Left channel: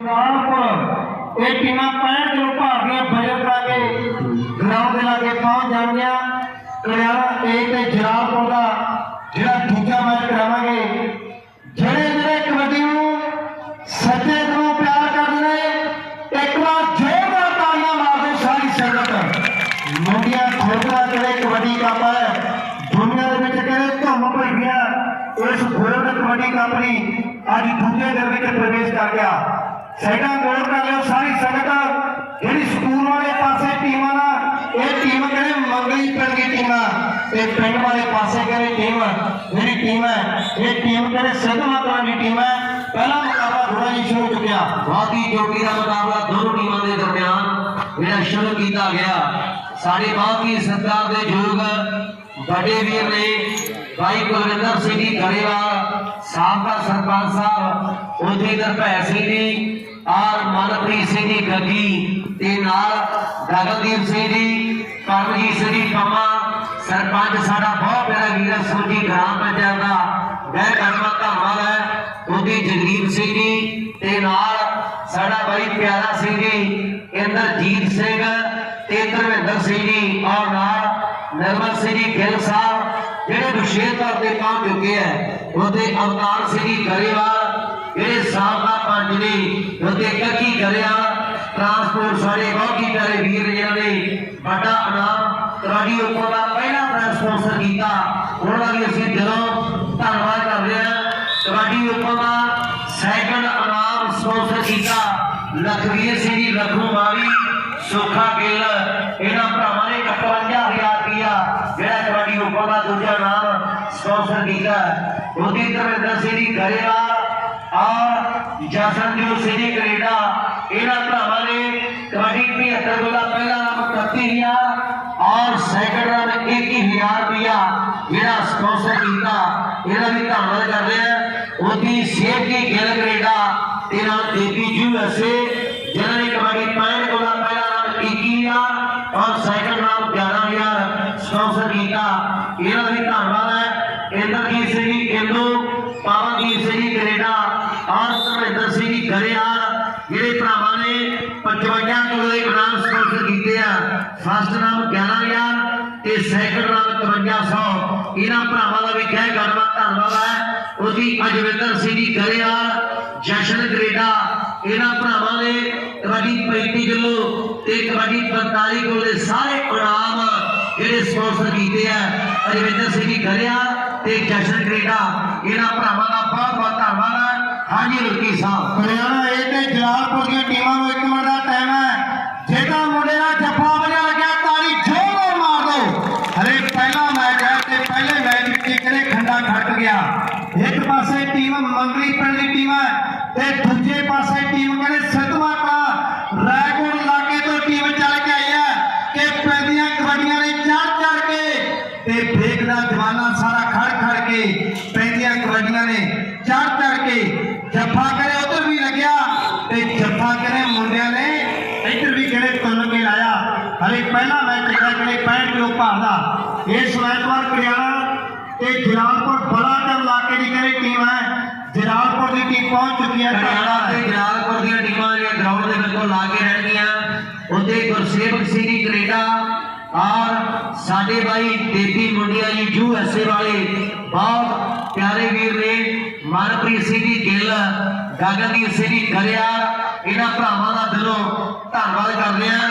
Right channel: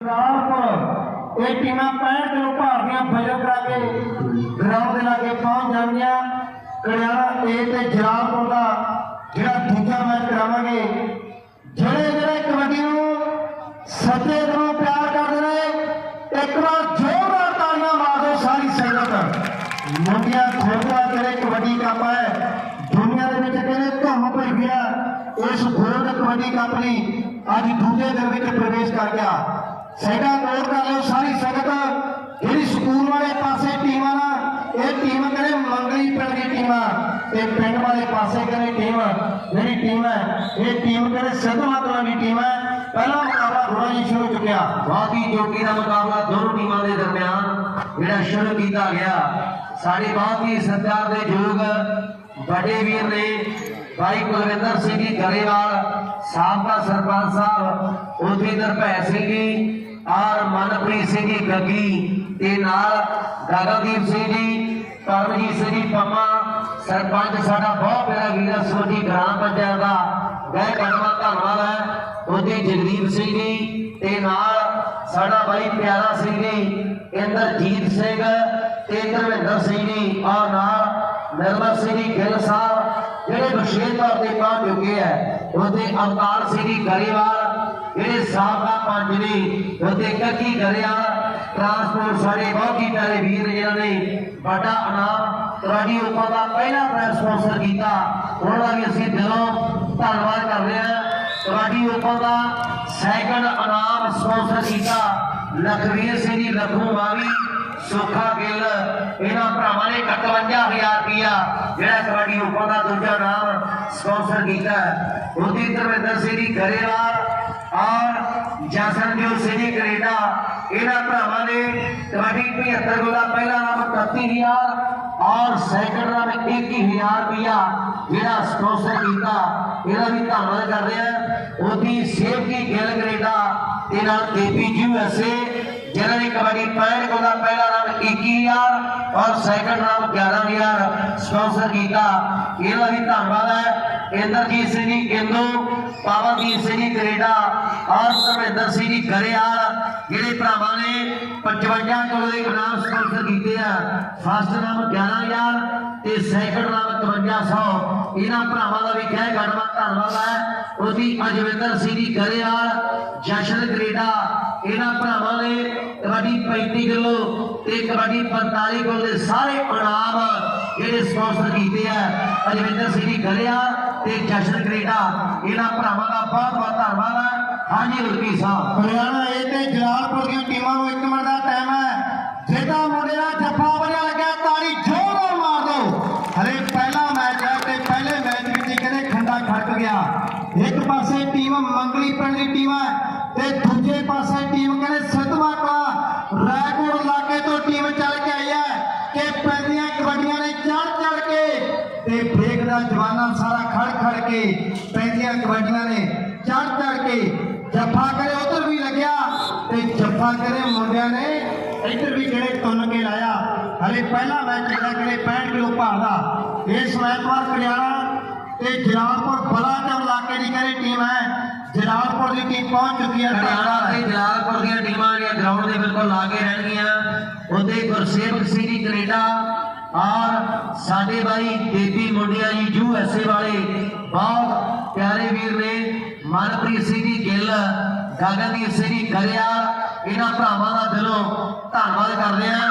ਰਾਮਪੁਰ ਇਹ ਟੀਮਾਂ 65 ਕਿਲੋ ਭਾਰ ਦੀਆਂ ਬਜਰ ਕਰਾ ਕੇ ਗਰਾਊਂਡ ਦੇ ਲਾਗੇ ਪਹੁੰਚ ਜਾਣਗੀਆਂ। ਕੜਿਆਲਾ ਏ ਤੇ ਜਲਾਲਪੁਰ ਦਾ ਜਿਹੜਾ ਦੂਜਾ ਮੈਚ ਕਰਾਵਾਂਗੇ। ਜਿਹੜੇ ਜਿਹੜੇ ਕਬੱਡੀ ਨੂੰ ਸੱਜੇ ਤੋਂ ਪਿਆਰ ਕਰਦੇ ਨੇ, ਇੱਕ ਵਾਰ ਜ਼ੋਰਦਾਰ ਤਾੜੀਆਂ ਮਾਰ ਦਿਓ ਸਾਰੀ ਸੰਗਤ। ਮੁੰਡਿਆਂ ਖੋਖਲਾ ਜਿਹੜੇ ਕਬੱਡੀ ਕੱਪ ਹੈ। ਦੁਨੀਆ ਦੇ ਵਿੱਚ ਕਿਹੜੇ ਧੁੰਮ ਪਈ ਗਿਆ ਇਸ ਗੋਲਡ ਕਬੱਡੀ ਕੱਪ ਨੇ ਅੱਜ ਦੂਜੇ ਦਿਨ ਵਿੱਚ ਪ੍ਰਵੇਸ਼ ਕਰ ਗਿਆ। ਸਾਈਡਾਂ ਗੌਰ ਕਰ ਲਿਓ ਸਾਰੀ ਸੰਗਤ। ਜਿਹੜੀ ਸਕੂਲ ਵਾਲੇ ਪਾਸੇ ਟੀਮਾਂ ਨਾ, ਇਹ ਟੀਮ ਕਹਿੰਦੇ ਮੰਗਲੀ ਪਿੰਡ ਦੀ ਟੀਮਾਂ। ਤੇ ਪਿੰਡ ਵਾਲੇ ਪਾਸੇ ਕਹਿੰਦੇ ਟੀਮ, ਜਿਹੜੀ ਟੀਮ ਹੈ, ਇਹ ਟੀਮ ਕਹਿੰਦੇ ਸਿੱਧ ਮਾਤਰਾ ਦੀ ਟੀਮ ਹੈ। ਪਹਿਲਾ ਮੁਕਾਬਲਾ ਥੋੜਾ ਜਿਹਾ ਸ਼ੁਰੂ ਚੁੱਕਿਆ। ਬਾਕੀ ਚੋਟੀ ਦਾ ਮੁਕਾਬਲਾ ਦੋਨੋਂ ਟੀਮਾਂ ਦੇ ਦਰਮਿਆਨ ਜਿਹੜਾ ਸ਼ੁਰੂ ਕੀਤਾ ਗਿਆ। ਸਾਡੇ ਬਹੁਤ ਹੀ ਸਰਕਾਰ ਦੇ ਯੋਗ ਵੱਡੇ ਵੀਰ ਨੇ ਭਾਈ ਕੁਲਵਿੰਦਰ ਸਿੰਘ ਜੀ ਗਰੇਵਾਲ, ਸਾਬਕਾ ਸਰਪੰਚ ਸਾਹਿਬ, ਉਹਦੇ ਦਰਪੈ ਸਿੰਘ ਜੀ ਔਰ ਮਨਪ੍ਰੀਤ ਸਿੰਘ ਜੀ ਗੱਗੀ ਤੇ ਨਾਲ ਗਗਨਦੀਪ ਸਿੰਘ ਜੀ, ਕਰਮਜੀਤ ਸਿੰਘ ਜੀ ਪੰਮਾ ਸਰਪੰਚ ਸਾਡਾ ਬਹੁਤ ਪਿਆਰਾ ਵੀਰ ਸੋਜੀ ਗ੍ਰਾਮ ਪੰਚਾਇਤ ਦਾ, ਮੈਂ ਧੰਨਵਾਦ ਧੰਨਵਾਦ ਹੈ। ਉਹਦੀ ਜਗਦੀਪ ਸਿੰਘ ਜੀ ਤੇ ਨਾਲ ਸਾਡਾ ਬਾਈ ਪਿਆਰਾ ਸਿੰਘ ਜੀ, ਇੰਦਰਜੀਤ ਸਿੰਘ ਤੇ ਧਰਮਿੰਦਰ ਸਿੰਘ ਜੀ, ਔਰ ਨਾਲ ਨਿਰਮਲ ਸਿੰਘ ਜੀ ਗਿੱਲ ਸਾਹਿਬ, ਜਿਹੜੇ ਵਿਸ਼ੇਸ਼ ਤੌਰ ਤੇ ਪਹੁੰਚ ਚੁੱਕੇ ਹੈ। ਉਹਦੇ ਅਵਤਾਰ ਸਿੰਘ ਜੀ ਗਰੇਵਾਲ ਜਿਹੜੇ ਸਾਬਕਾ ਪੰਜ ਨੇ। ਉਹਦੇ ਕੱਕੀ ਗਰੇਵਾਲ ਟਰਾਂਸਪੋਰਟ ਸਾਡੇ ਬਹੁਤ ਹੀ ਵੀਰ ਜਿਨ੍ਹਾਂ ਨੇ ਵੱਡਾ ਇਨਾਮ ਕਬੱਡੀ ਓਪਨ ਦਾ ਪਹਿਲਾ ਪ੍ਰਾਈਜ਼ ਕੀਤਾ। ਉਹਨਾਂ ਦਾ ਅਸੀਂ ਦਿਲੋਂ ਧੰਨਵਾਦ ਕਰਦੇ ਹਾਂ। ਕਬੱਡੀ ਓਪਨ ਦਾ ਸੈਕੰਡ ਇਨਾਮ ਸਪਾਂਸਰ ਕੀਤਾ। ਲਖਵੀਰ ਸਿੰਘ ਜੀ ਲਖਨਊ ਮਾਵੀ ਸੋਖਾ ਗਿੱਲ, ਇਹਨਾਂ ਭਰਾਵਾਂ ਨੇ 51000 ਰੁਪਇਆ ਜਿਹੜਾ ਕਬੱਡੀ ਓਪਨ ਦਾ ਦੂਜਾ ਇਨਾਮ ਸਪਾਂਸਰ ਕੀਤਾ। ਉਹਦੀ ਧਰਮਿੰਦਰ ਸਿੰਘ ਜੀ, ਗਰੇਵਾਲ ਔਰ ਜਸਨਜੋਤ ਸਿੰਘ ਜੀ ਕੈਨੇਡਾ। ਇਹਨਾਂ ਭਰਾਵਾਂ ਨੇ ਕਬੱਡੀ 75 ਗੋਲਾ ਪਹਿਲਾ ਨਾਮ 31000 ਔਰ ਸੈਕੰਡ ਨਾਮ 21000 ਰੁਪਇਆ ਜਿਹੜਾ ਸਪਾਂਸਰ ਕੀਤਾ। ਇਹਦਾ ਵੀ ਧੰਨਵਾਦ ਕਰਦੇ ਹਾਂ। ਉਹਦੀ ਸੇਫਟੀ ਗਿੱਲ ਕੈਨੇਡਾ ਤੇ ਨਾਲ ਦੇਪੀ ਯੂਐਸਏ ਜਿਨ੍ਹਾਂ ਨੇ ਕਬੱਡੀ 65 ਗੋਲਾ ਪਹਿਲਾ ਨਾਮ 21000 ਔਰ ਸੈਕੰਡ ਨਾਮ 11000 ਸਪਾਂਸਰ ਕੀਤਾ। ਇਹਦਾ ਵੀ ਧੰਨਵਾਦ ਹੈ। ਇੰਦਰਜੀਤ ਸਿੰਘ ਜੀ ਕੇਂਦੂ ਪਵਨਦੀਪ ਸਿੰਘ ਜੀ ਕੈਨੇਡਾ ਔਰ ਧਰਮਿੰਦਰ ਸਿੰਘ ਜੀ ਗਰੇਵਾਲ, ਜਿਹੜੇ ਭਰਾਵਾਂ ਨੇ 55 ਕਿਲੋ ਦੇ ਨਾਮ ਸਪਾਂਸਰ ਕੀਤੇ ਆ। ਫਸਟ ਨਾਮ 11000 ਤੇ ਸੈਕੰਡ ਨਾਮ 5300 ਇਹਨਾਂ ਭਰਾਵਾਂ ਦਾ ਵੀ ਕਹਿ ਗੜਵਾ ਧੰਨਵਾਦ ਹੈ। ਉਹਦੀ ਅਜਵਿੰਦਰ ਸਿੰਘ ਜੀ ਗਰੇਵਾਲ, ਜਸ਼ਨ ਗਰੇਡਾ ਇਹਨਾਂ ਭਰਾਵਾਂ ਨੇ ਕਬੱਡੀ 35 ਕਿਲੋ ਤੇ ਕਬੱਡੀ 45 ਕਿਲੋ ਦੇ ਸਾਰੇ ਇਨਾਮ ਜਿਹੜੇ ਸਪਾਂਸਰ ਕੀਤੇ ਆ। ਅਜਵਿੰਦਰ ਸਿੰਘ ਜੀ ਗਰੇਵਾਲ ਤੇ ਜਸ਼ਨ ਗਰੇਡਾ ਇਹਨਾਂ ਭਰਾਵਾਂ ਦਾ ਬਹੁਤ ਬਹੁਤ ਧੰਨਵਾਦ ਹੈ। ਹਾਂਜੀ, ਰੁਕੀ ਸਾਹਿਬ। ਹਰਿਆਣਾ ਏ ਤੇ ਜਲਾਲਪੁਰ ਦੀਆਂ ਟੀਮਾਂ ਨੂੰ ਇੱਕ ਮਿੰਟ ਦਾ ਟਾਈਮ ਹੈ। ਜਿਹੜਾ ਮੁੰਡੇ ਦਾ ਜੱਫਾ ਵਜਾ ਲੱਗਿਆ, ਤਾੜੀ ਜ਼ੋਰਦਾਰ ਮਾਰ ਦਿਓ ਹਰੇ ਪਹਿਲਾ ਮੈਚ ਹੈ ਤੇ ਪਹਿਲੇ ਮੈਚ ਵਿੱਚ ਕਿਹਨੇ ਖੰਡਾ ਖੱਟ ਗਿਆ? ਇੱਕ ਪਾਸੇ ਟੀਮ ਮੰਗਲੀ ਪਿੰਡ ਦੀ ਟੀਮ ਹੈ ਤੇ ਦੂਜੇ ਪਾਸੇ ਟੀਮ ਕਹਿੰਦੇ ਸਤਮਾ ਤੁੰਨ ਹਲੇ ਪਹਿਲਾ ਮੈਚ ਜਿਹੜਾ 65 ਕਿਲੋ ਭਾਰ ਦਾ। ਇਸ ਐਤਵਾਰ ਕਰਿਆਣਾ ਤੇ ਜਲਾਲਪੁਰ ਬੜਾ ਚਰ ਇਲਾਕੇ ਦੀ ਕਿਹੜੀ ਟੀਮ ਹੈ। ਜਲਾਲਪੁਰ ਦੀ ਟੀਮ ਪਹੁੰਚ ਚੁੱਕੀ ਹੈ। ਹਰਿਆਣਾ ਤੇ ਜਲਾਲਪੁਰ ਦੀਆਂ ਟੀਮਾਂ ਜਿਹੜੀਆਂ ਗਰਾਊਂਡ ਦੇ ਬਿਲਕੁਲ ਲਾ ਕੇ ਰਹਿਣਗੀਆਂ। ਉਹਦੇ ਗੁਰਸੇਵਕ ਸਿੰਘ ਜੀ ਕੈਨੇਡਾ ਔਰ ਸਾਡੇ ਭਾਈ ਦੇਵੀ ਮੁੰਡਿਆ ਜੀ ਯੂ ਐਸ ਏ ਵਾਲੇ ਬਹੁਤ ਪਿਆਰੇ ਵੀਰ ਨੇ। ਮਨਪ੍ਰੀਤ ਸਿੰਘ ਜੀ ਗਿੱਲ, ਗਗਨਦੀਪ ਸਿੰਘ ਜੀ ਗਰੇਵਾਲ, ਇਹਨਾਂ ਭਰਾਵਾਂ ਦਾ ਦਿਲੋਂ ਧੰਨਵਾਦ ਕਰਦੇ ਹਾਂ।